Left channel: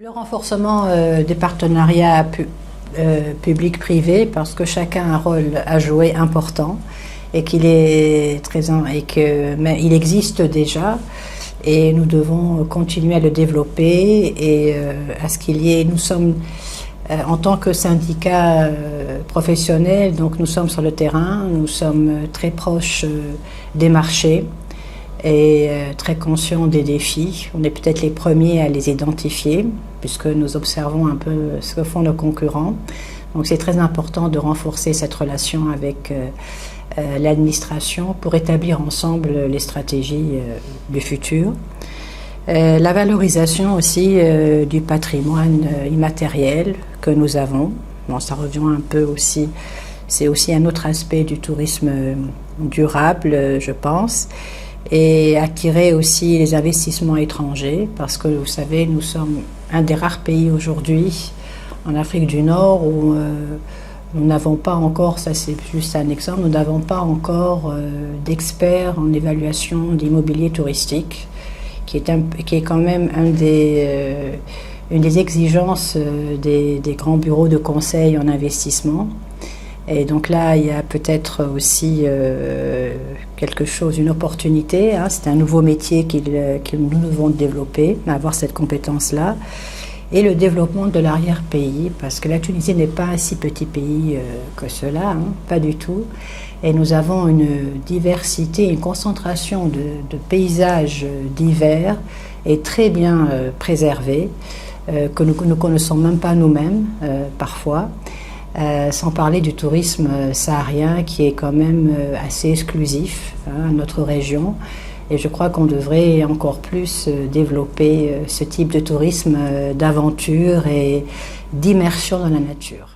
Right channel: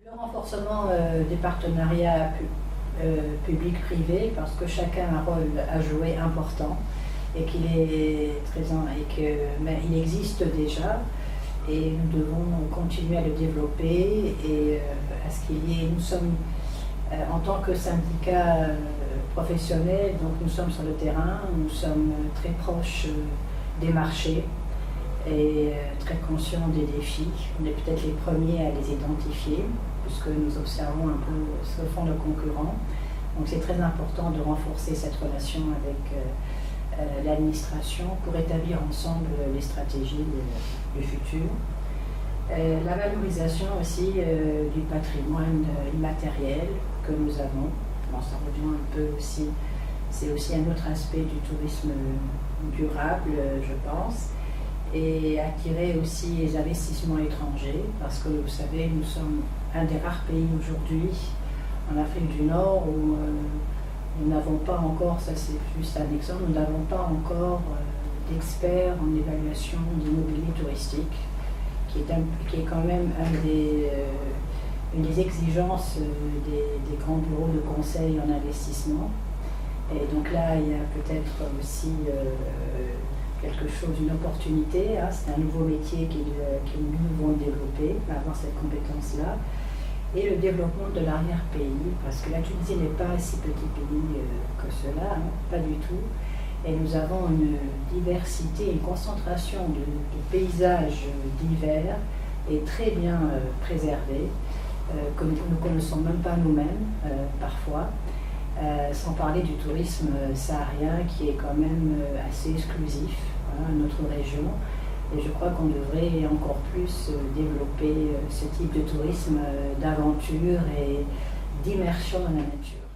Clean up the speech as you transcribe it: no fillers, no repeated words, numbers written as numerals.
Le renforcement des partenariats public-privé, parce que chacun a un rôle à jouer important et qu'il est mais il existe déjà et nous devons continuer à le développer et à ce qu'il y ait. Nous sommes en tant que syndicat professionnel, donc nous sommes sur le terrain, nous sommes très proches des marchés et très conscients des défis. On est peut-être les premiers à les identifier, puisque nous observons un peu ce que font nos concurrents. Donc c'est très important de renforcer cette relation avec l'administration pour établir ensemble les stratégies du futur. La valorisation aussi du patrimoine immatériel que nous avons. Bon, ça revient un peu aussi, c'est aussi un autre aspect du tourisme durable, je pense. Et attirer aussi les investissements étrangers, parce que vous savez, nous sommes un des rares pays aujourd'hui en Afrique du Nord où nous n'avons pas encore, ça c'est juste un exemple, nous n'avons pas encore d'experts en évaluation d'immobilier touristique, qui est quand même une des exigences des grands bureaux de conseil en investissement. Et donc là, il y a peut-être aussi quelque chose, une opportunité. Hein. C'est un nouveau métier que nous devons développer, avoir cette compétence-là. Et le développement de l'arrière-pays, parce que la Tunisie n'est pas un si petit pays que cela, hein, pas du tout. Et nous avons une diversité, une concentration de paysages divers et très bien préservés, que nous ne connaissons même pas nous-mêmes parfois. Sans parler du tourisme saharien qui est quand même assez exclusif à notre région. Et je crois qu'on devrait encore plus développer ce type de tourisme d'aventure et d'immersion dans la nature.